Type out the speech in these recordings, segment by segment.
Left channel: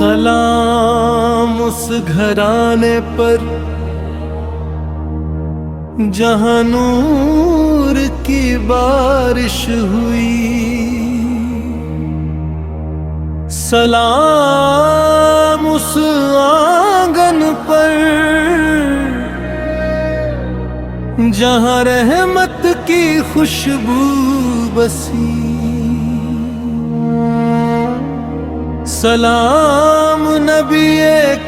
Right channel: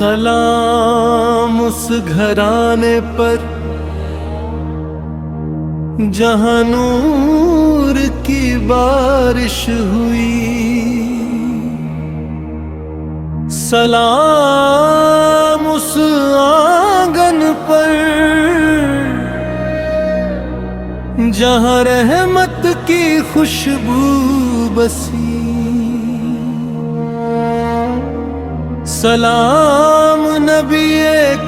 سلام اس گھرانے پر جہاں نور کی بارش ہوئی، سلام اس آنگن پر جہاں رحمت کی خوشبو بسی، سلام نبی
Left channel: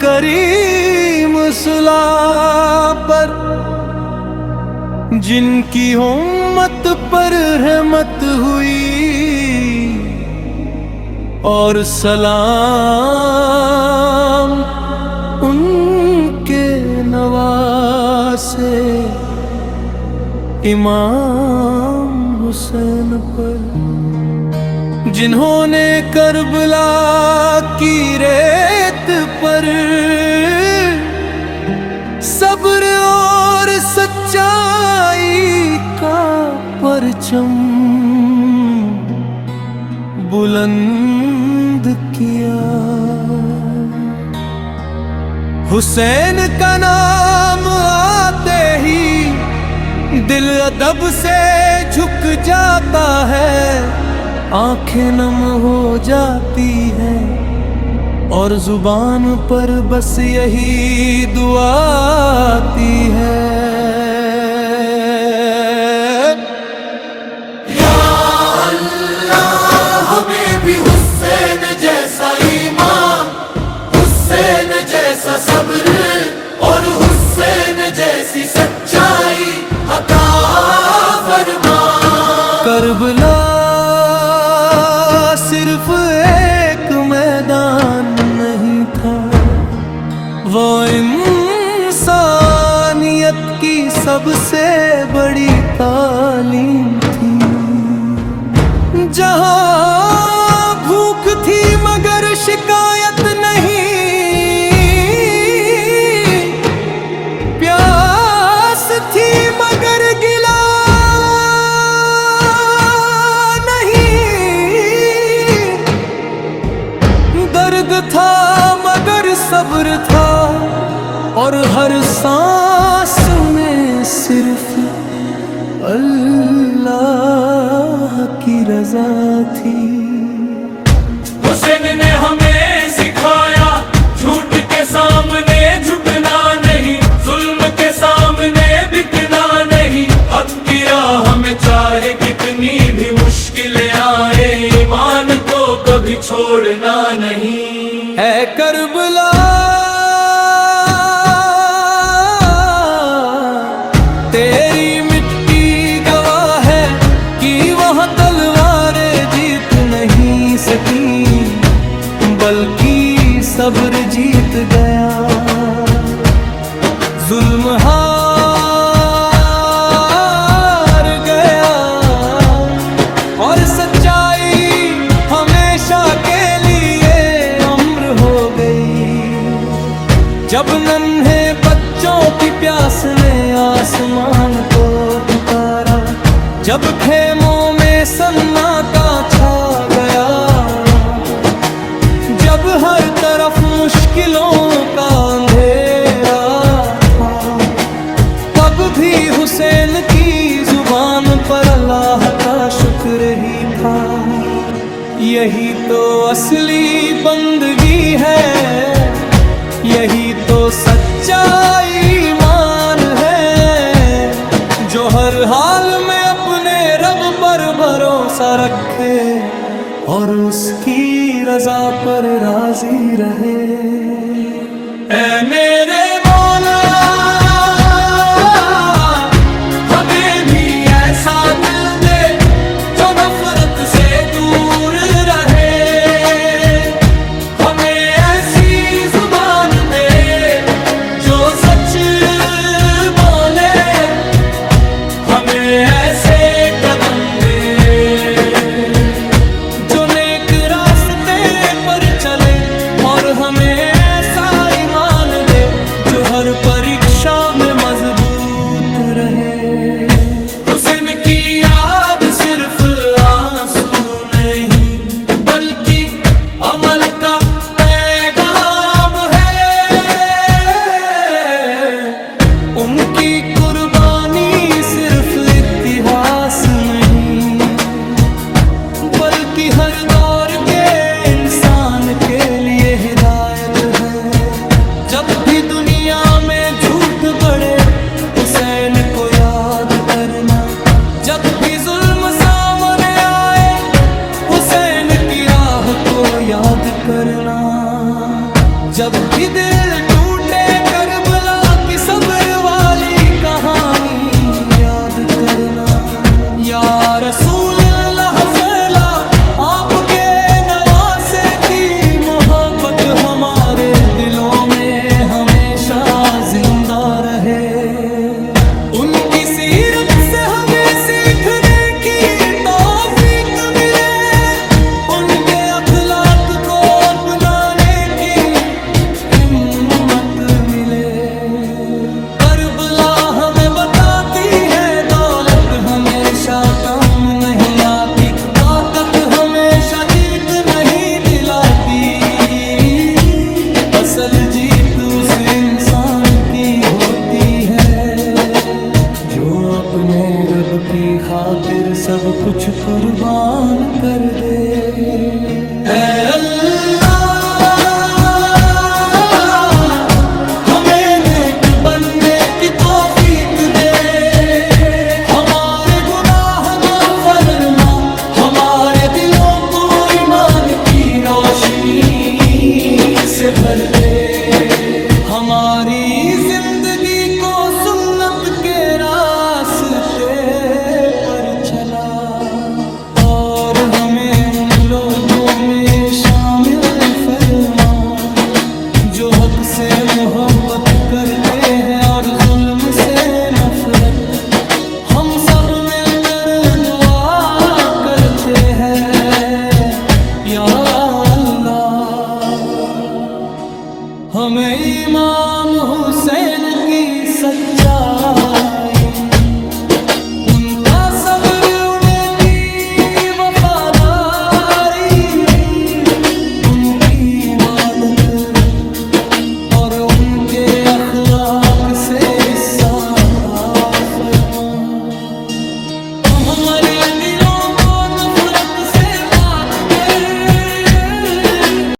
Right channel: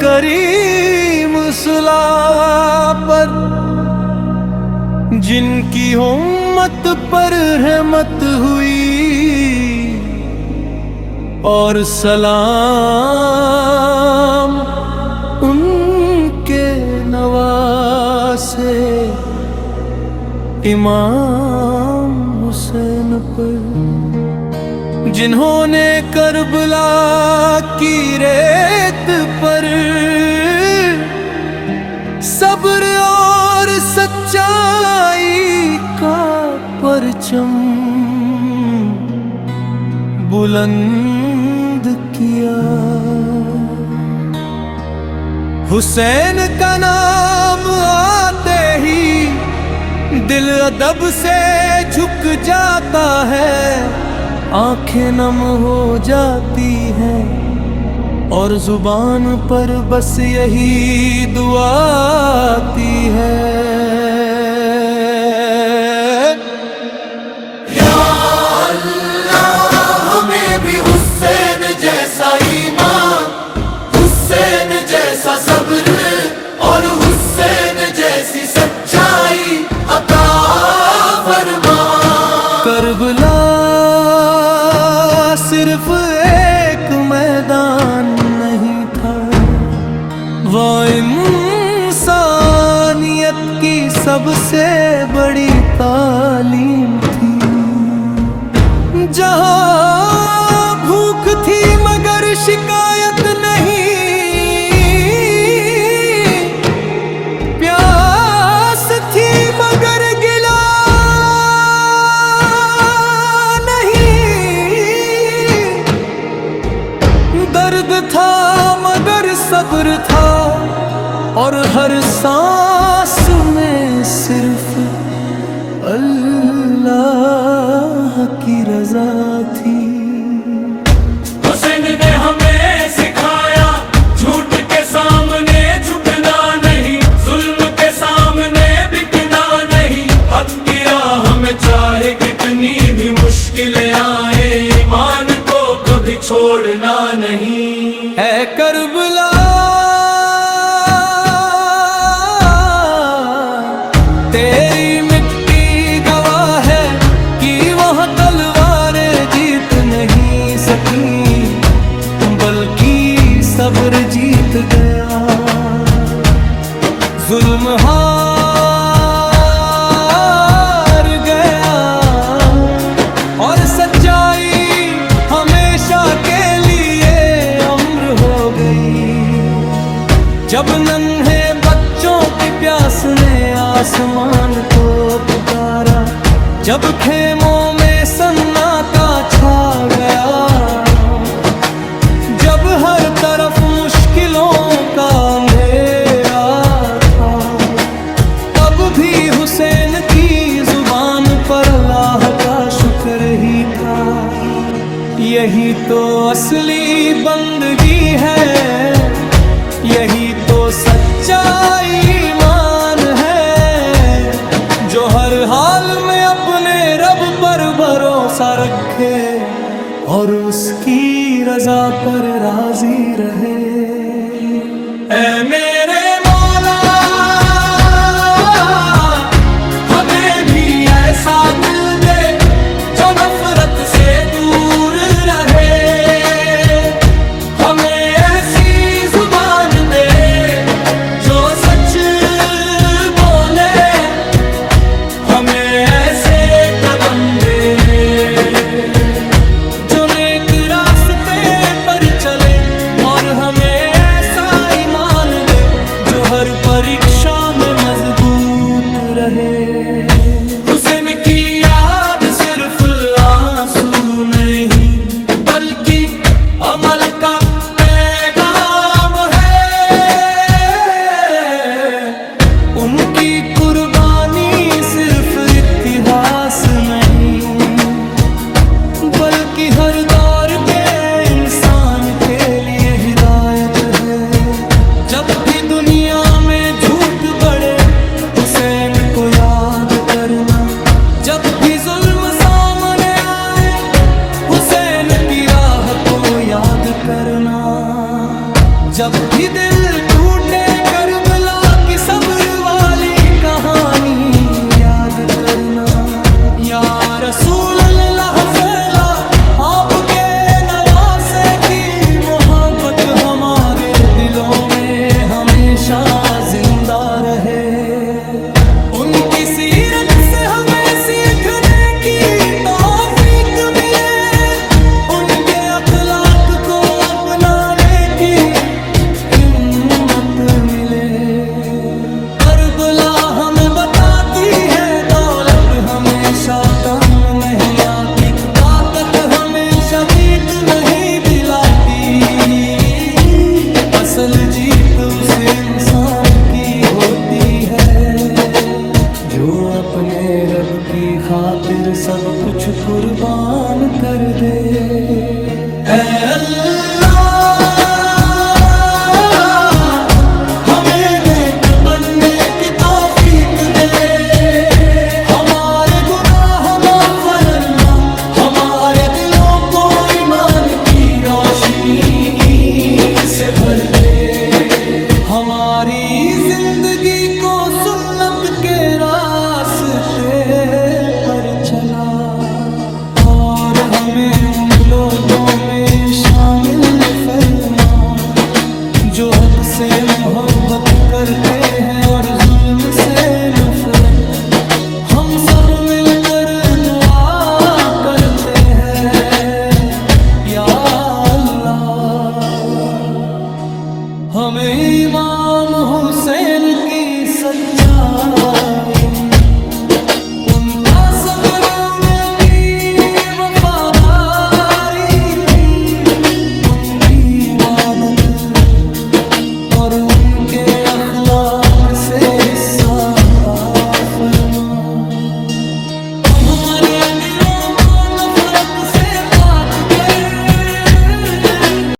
کریم صلی پر جن کی امت پر رحمت ہوئی، اور سلام ان کے نواسے امام حسین پر جنہوں نے کربلا کی ریت پر صبر اور سچائی کا پرچم بلند کیا۔ حسین کا نام آتے ہی دل ادب سے جھک جاتا ہے، آنکھیں نم ہو جاتی ہیں اور زبان پر بس یہی دعا آتی ہے، یا اللہ ہمیں بھی حسین جیسا ایمان، حسین جیسا صبر اور حسین جیسی سچائی عطا فرما۔ کربلا صرف ایک میدان نہیں تھا، وہ انسانیت کی سب سے بڑی تعلیم تھی، جہاں بھوک تھی مگر شکایت نہیں، پیاس تھی مگر گلا نہیں، درد تھا مگر صبر تھا، اور ہر سانس میں صرف اللہ کی رضا تھی۔ حسین نے ہمیں سکھایا جھوٹ کے سامنے جھکنا نہیں، ظلم کے سامنے بکنا نہیں، حق کی راہ میں چاہے کتنی بھی مشکلیں آئے ایمان کو کبھی چھوڑنا نہیں۔ اے کربلا تیری مٹی گواہ ہے کہ وہاں تلواریں جیت نہیں سکیں، بلکہ صبر جیت گیا، ظلم ہار گیا، اور سچائی ہمیشہ کے لیے امر ہو گئی۔ جب ننھے بچوں کی پیاس نے آسمان کو پکارا، جب خیموں میں سناٹا چھا گیا، جب ہر طرف مشکلوں کا اندھیرا تھا، تب بھی حسین کی زبان پر اللہ کا شکر ہی تھا۔ یہی تو اصلی بندگی ہے، یہی تو سچا ایمان ہے، جو ہر حال میں اپنے رب پر بھروسہ رکھے اور اس کی رضا پر راضی رہے۔ اے میرے مولا ہمیں بھی ایسا دل دے جو نفرت سے دور رہے، ہمیں ایسی زبان دے جو سچ بولے، ہمیں ایسے قدم دے جو نیک راستے پر چلے، اور ہمیں ایسا ایمان دے جو ہر پریکشا میں مضبوط رہے۔ حسین کی یاد صرف آنسو نہیں بلکہ عمل کا پیغام اتہاس نہیں، بلکہ ہر دور کے انسان کے لیے ہدایت ہے۔ جب بھی دنیا میں جھوٹ بڑھے حسین کو یاد کرنا، جب بھی ظلم سامنے آئے حسین کی راہ کو یاد کرنا، جب بھی دل ٹوٹے کربلا کی صبر والی کہانی یاد کرنا۔ یا رسول اللہ پھیلا آپ کے نواسے کی محبت ہمارے دلوں میں ہمیشہ زندہ رہے۔ ان کی سیرت سے ہمیں سیکھنے کی توفیق ملے، ان کے اخلاق کو اپنانے کی ہمت ملے۔ کربلا ہمیں بتاتی ہے دولت ہمیشہ کم نہیں آتی، طاقت ہمیشہ جیت نہیں دلاتی، اصل جیت اس انسان کی ہوتی ہے جو اپنے رب کی خاطر سب کچھ قربان کر دے۔ اے اللہ ہمیں نیک بننے کی توفیق دے، ہمارے گناہ معاف فرما، ہمارے دلوں کو ایمان کی روشنی سے بھر دے، ہماری زندگی کو سنت کے راستے پر چلا، اور ہمیں ان لوگوں میں شامل فرما جو حق سے محبت کرتے ہیں اور ظلم سے نفرت۔ ہم سب مل کر دعا کرتے ہیں یا اللہ ہمیں امام حسین کی سچائی، ان کا صبر، ان کی وفاداری، ان کی عبادت اور ان کے اخلاق سے حصہ عطا فرما۔ ہم ہمارے دلوں کو نفرت سے پاک کر